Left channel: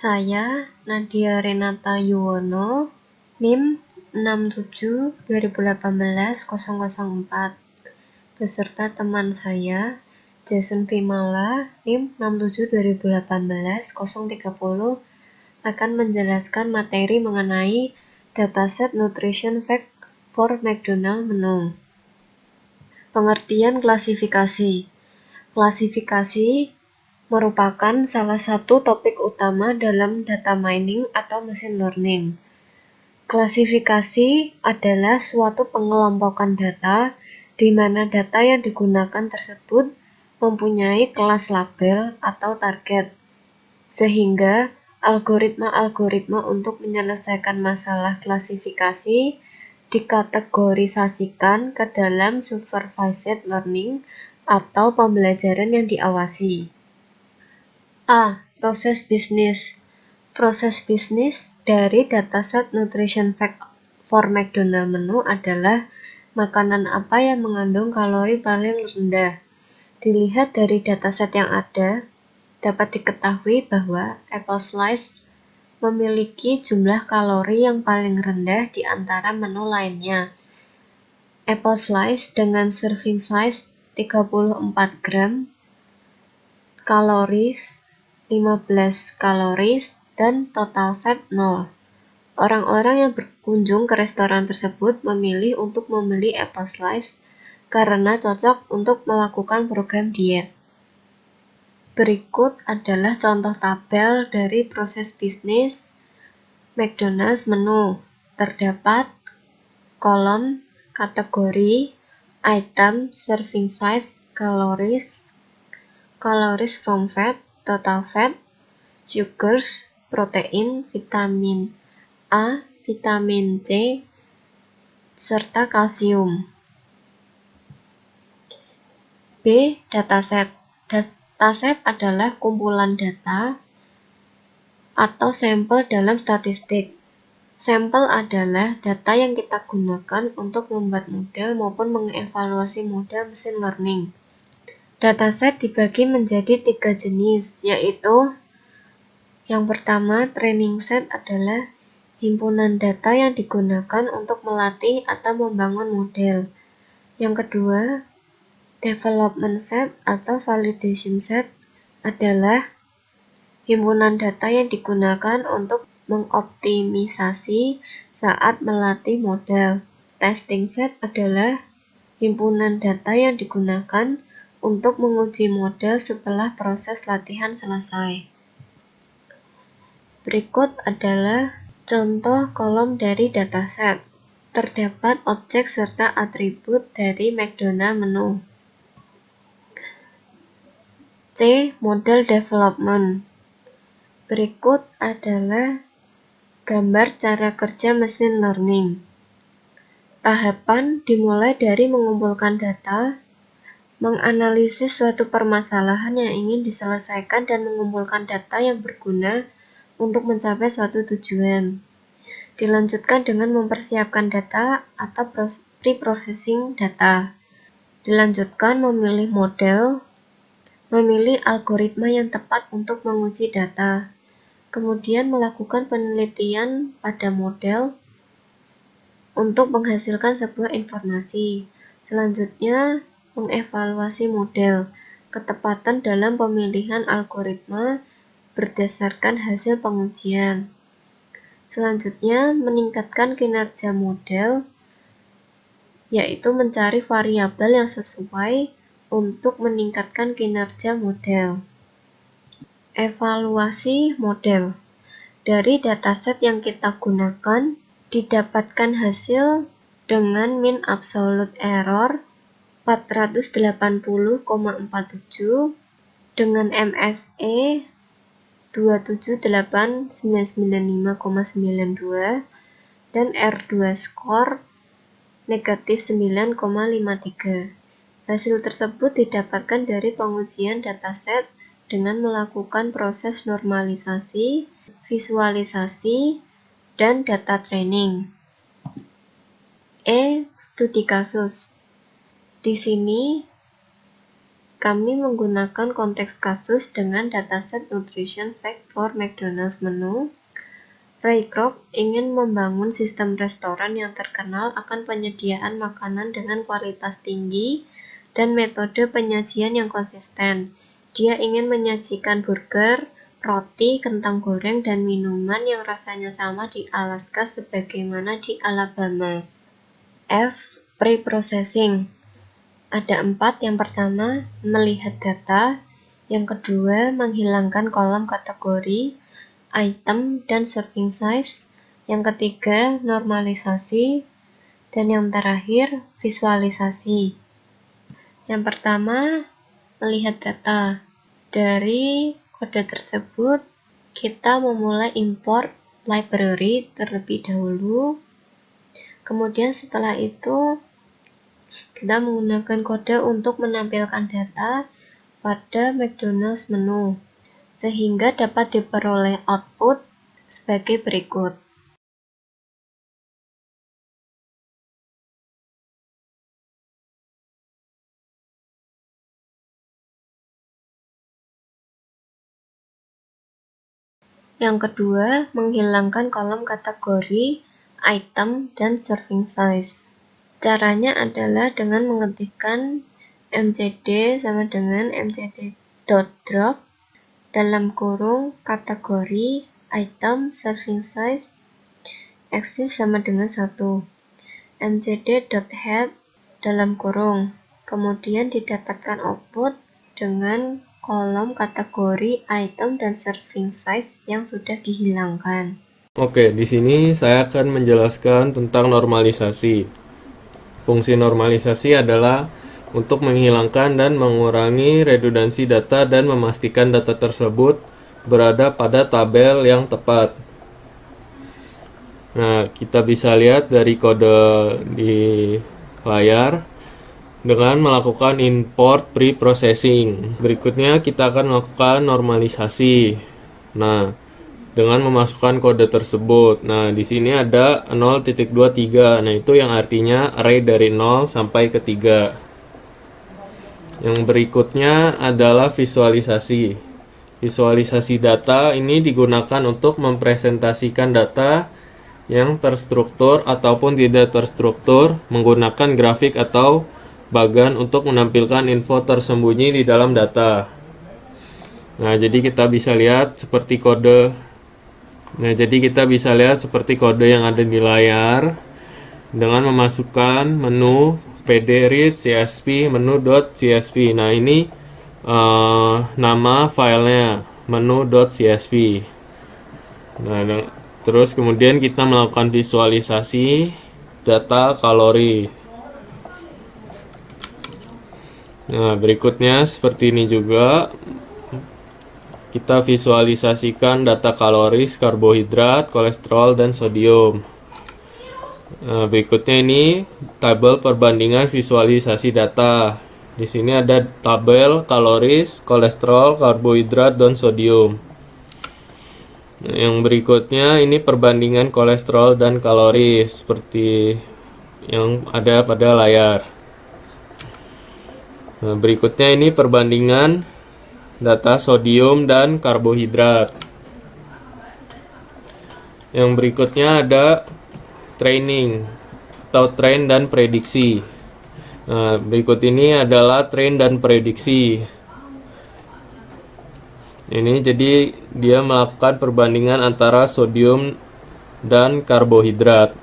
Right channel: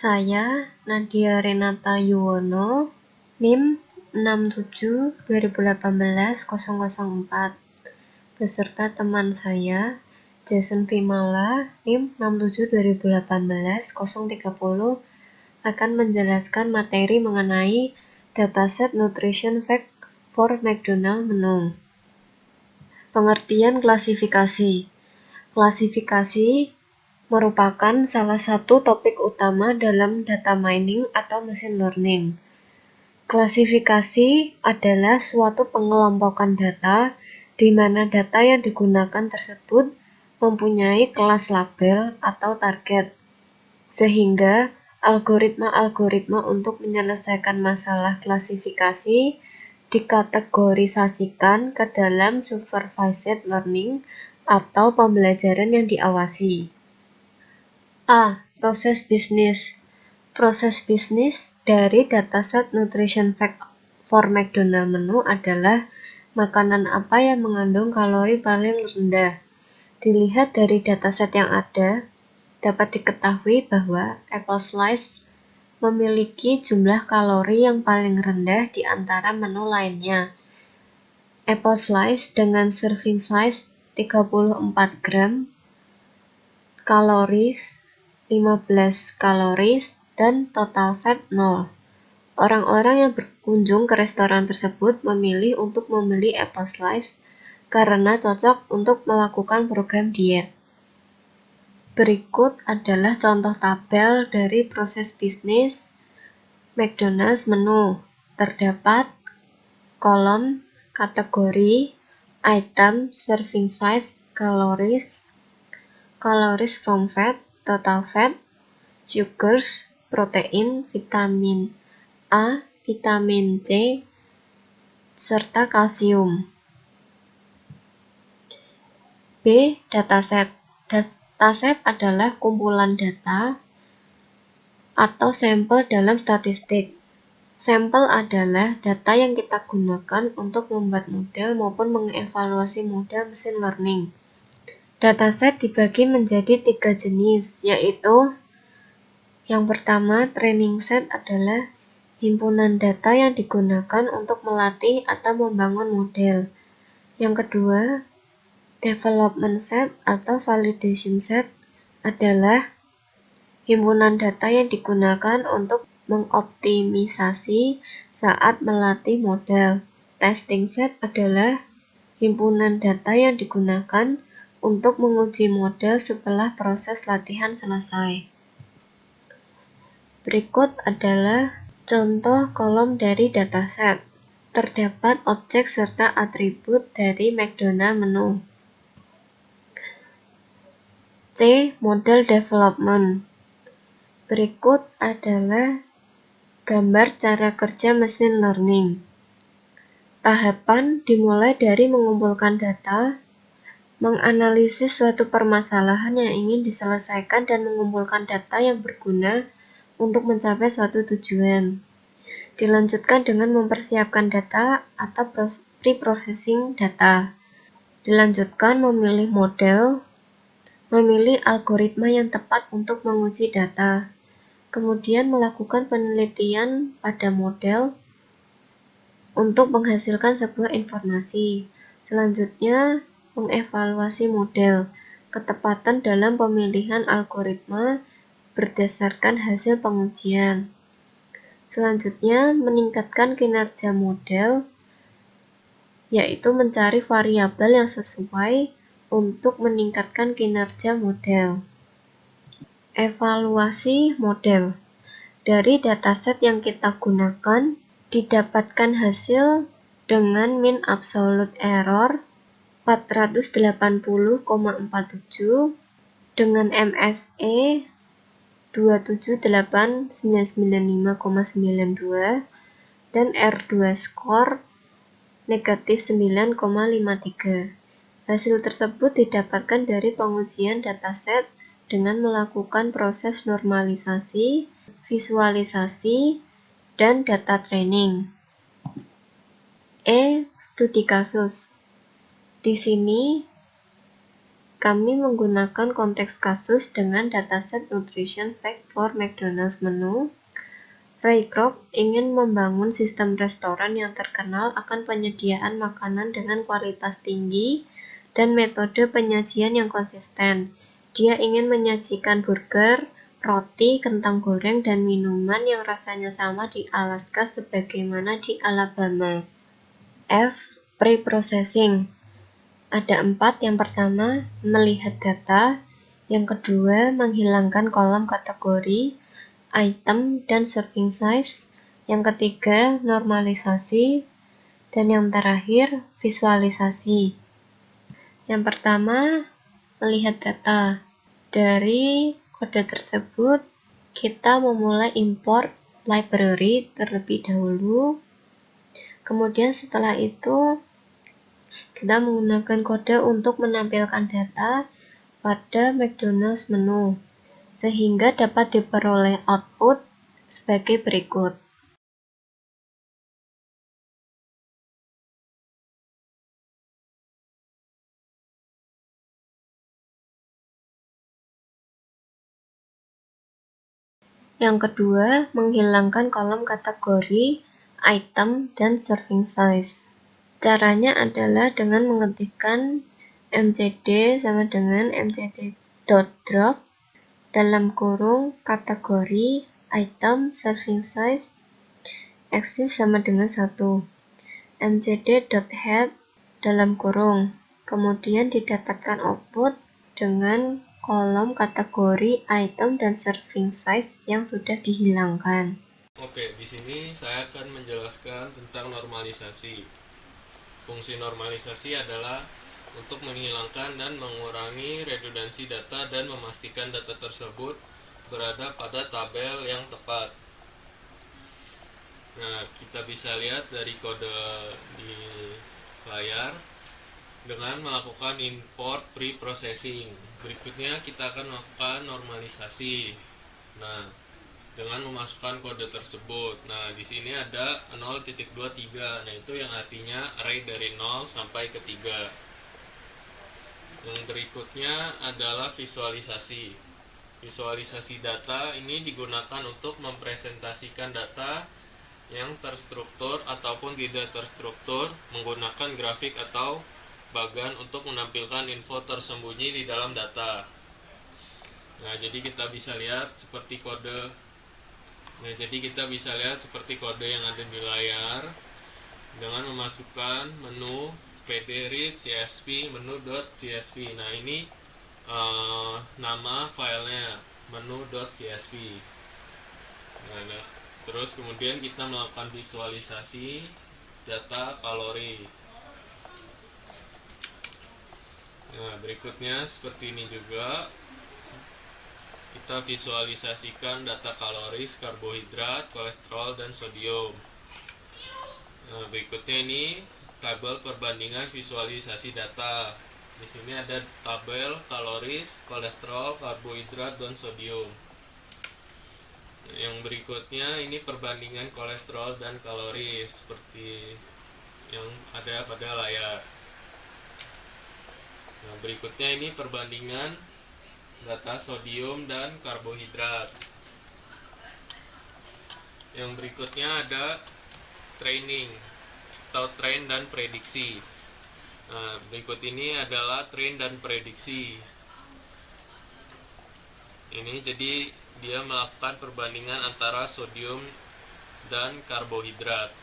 Saya, Nadia Renata Yuwono, NIM 67-2018-004, beserta teman saya, Jason Vimala, NIM 67-2018-030, akan menjelaskan materi mengenai dataset Nutrition Fact for McDonald Menu. Pengertian klasifikasi. Klasifikasi merupakan salah satu topik utama dalam data mining atau machine learning. Klasifikasi adalah suatu pengelompokan data di mana data yang digunakan tersebut mempunyai kelas label atau target, sehingga algoritma-algoritma untuk menyelesaikan masalah klasifikasi dikategorisasikan ke dalam supervised learning atau pembelajaran yang diawasi. A. Proses bisnis. Proses bisnis dari dataset Nutrition Fact for McDonald Menu adalah makanan apa yang mengandung kalori paling rendah. Dilihat dari dataset yang ada, dapat diketahui bahwa apple slice memiliki jumlah kalori yang paling rendah di antara menu lainnya. Apple slice dengan serving size 34 gram, kaloris 15 kaloris, dan total fat 0. Orang-orang yang berkunjung ke restoran tersebut memilih untuk membeli apple slice karena cocok untuk melakukan program diet. Berikut adalah contoh tabel dari proses bisnis McDonald's menu. Terdapat kolom kategori, item, serving size, calories, calories from fat, total fat, sugars, protein, vitamin A, vitamin C, serta kalsium. B. Dataset. Dataset adalah kumpulan data atau sampel dalam statistik. Sampel adalah data yang kita gunakan untuk membuat model maupun mengevaluasi model machine learning. Dataset dibagi menjadi 3 jenis, yaitu yang pertama, training set adalah himpunan data yang digunakan untuk melatih atau membangun model. Yang kedua, development set atau validation set adalah himpunan data yang digunakan untuk mengoptimisasi saat melatih model. Testing set adalah himpunan data yang digunakan untuk menguji model setelah proses latihan selesai. Berikut adalah contoh kolom dari dataset. Terdapat objek serta atribut dari McDonald Menu. C. Model development. Berikut adalah gambar cara kerja machine learning. Tahapan dimulai dari mengumpulkan data, menganalisis suatu permasalahan yang ingin diselesaikan dan mengumpulkan data yang berguna untuk mencapai suatu tujuan. Dilanjutkan dengan mempersiapkan data atau pre-processing data. Dilanjutkan memilih model, memilih algoritma yang tepat untuk menguji data. Kemudian melakukan penelitian pada model untuk menghasilkan sebuah informasi. Selanjutnya, mengevaluasi model, ketepatan dalam pemilihan algoritma berdasarkan hasil pengujian. Selanjutnya, meningkatkan kinerja model, yaitu mencari variabel yang sesuai untuk meningkatkan kinerja model. Evaluasi model. Dari dataset yang kita gunakan, didapatkan hasil dengan mean absolute error 480,47 dengan MSE 278.995,92 dan R2 score negatif 9,53. Hasil tersebut didapatkan dari pengujian dataset dengan melakukan proses normalisasi, visualisasi, dan data training. E. Studi kasus. Di sini kami menggunakan konteks kasus dengan dataset Nutrition Fact for McDonald's Menu. Ray Kroc ingin membangun sistem restoran yang terkenal akan penyediaan makanan dengan kualitas tinggi dan metode penyajian yang konsisten. Dia ingin menyajikan burger, roti, kentang goreng, dan minuman yang rasanya sama di Alaska sebagaimana di Alabama. F. Pre-processing. Ada 4. Yang pertama, melihat data. Yang kedua, menghilangkan kolom kategori, item, dan serving size. Yang ketiga, normalisasi. Dan yang terakhir, visualisasi. Yang pertama, melihat data. Dari kode tersebut, kita memulai import library terlebih dahulu. Kemudian setelah itu, kita menggunakan kode untuk menampilkan data pada McDonald's menu, sehingga dapat diperoleh output sebagai berikut. Yang kedua, menghilangkan kolom kategori, item, dan serving size. Caranya adalah dengan mengetikkan mcd sama dengan mcd.drop dalam kurung kategori, item, serving size, axis sama dengan 1, mcd.head dalam kurung, kemudian didapatkan output dengan kolom kategori, item, dan serving size yang sudah dihilangkan. Oke, di sini saya akan menjelaskan tentang normalisasi. Fungsi normalisasi adalah untuk menghilangkan dan mengurangi redundansi data dan memastikan data tersebut berada pada tabel yang tepat. Nah, kita bisa lihat dari kode di layar dengan melakukan import pre-processing. Berikutnya kita akan melakukan normalisasi. Nah, dengan memasukkan kode tersebut. Nah, di sini ada 0.23. Nah, itu yang artinya array dari 0 sampai ke 3. Yang berikutnya adalah visualisasi. Visualisasi data ini digunakan untuk mempresentasikan data yang terstruktur ataupun tidak terstruktur menggunakan grafik atau bagan untuk menampilkan info tersembunyi di dalam data. Nah, jadi kita bisa lihat seperti kode yang ada di layar dengan memasukkan menu pd-read csv menu.csv. Nah, ini nama filenya menu.csv. Nah, terus kemudian kita melakukan visualisasi data kalori. Nah, berikutnya seperti ini juga. Kita visualisasikan data kaloris, karbohidrat, kolesterol, dan sodium. Nah, berikutnya ini tabel perbandingan visualisasi data. Di sini ada tabel kaloris, kolesterol, karbohidrat, dan sodium. Nah, yang berikutnya ini perbandingan kolesterol dan kaloris seperti yang ada pada layar. Nah, berikutnya ini perbandingan data sodium dan karbohidrat. Yang berikutnya ada training atau train dan prediksi. Nah, berikut ini adalah train dan prediksi. Ini jadi dia melakukan perbandingan antara sodium dan karbohidrat.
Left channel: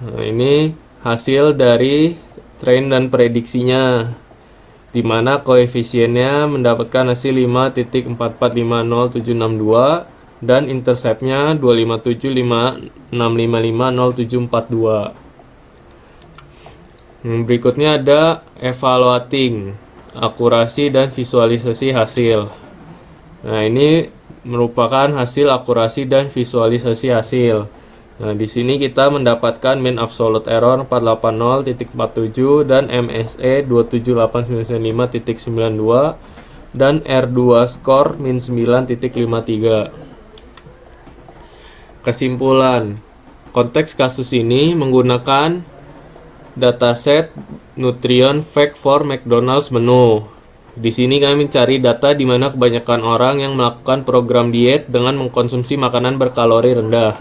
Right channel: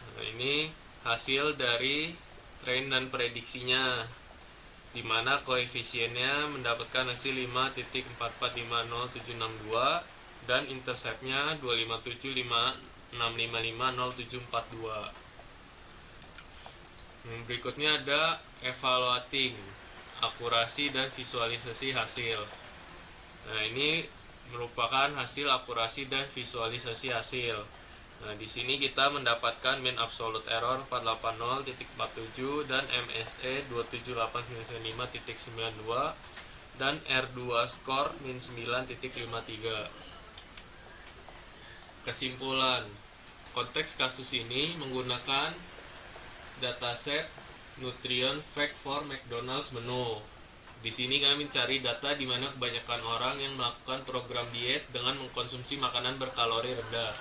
Nah, ini hasil dari train dan prediksinya, di mana koefisiennya mendapatkan hasil 5.4450762 dan interceptnya 25756550742. Berikutnya ada evaluating, akurasi dan visualisasi hasil. Nah, ini merupakan hasil akurasi dan visualisasi hasil. Nah, di sini kita mendapatkan mean absolute error 480.47 dan MSE 27895.92 dan R2 score min 9.53. Kesimpulan, konteks kasus ini menggunakan dataset Nutrient Fact for McDonald's menu. Di sini kami mencari data di mana kebanyakan orang yang melakukan program diet dengan mengkonsumsi makanan berkalori rendah.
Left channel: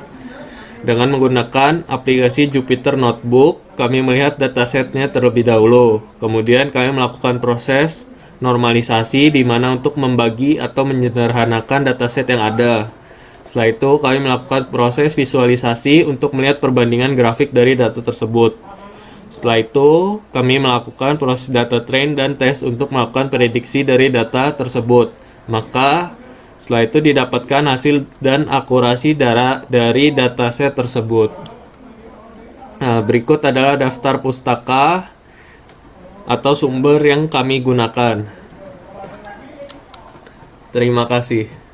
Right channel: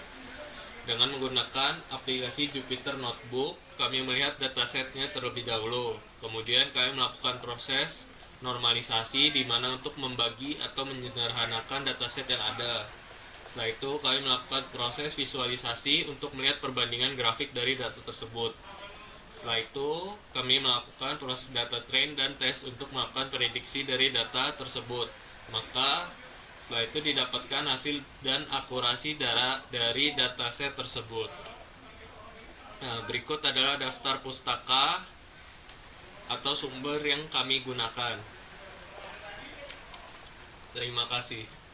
Dengan menggunakan aplikasi Jupyter Notebook, kami melihat datasetnya terlebih dahulu. Kemudian kami melakukan proses normalisasi di mana untuk membagi atau menyederhanakan dataset yang ada. Setelah itu, kami melakukan proses visualisasi untuk melihat perbandingan grafik dari data tersebut. Setelah itu, kami melakukan proses data train dan tes untuk melakukan prediksi dari data tersebut. Maka, setelah itu didapatkan hasil dan akurasi dari dataset tersebut. Nah, berikut adalah daftar pustaka atau sumber yang kami gunakan. Terima kasih.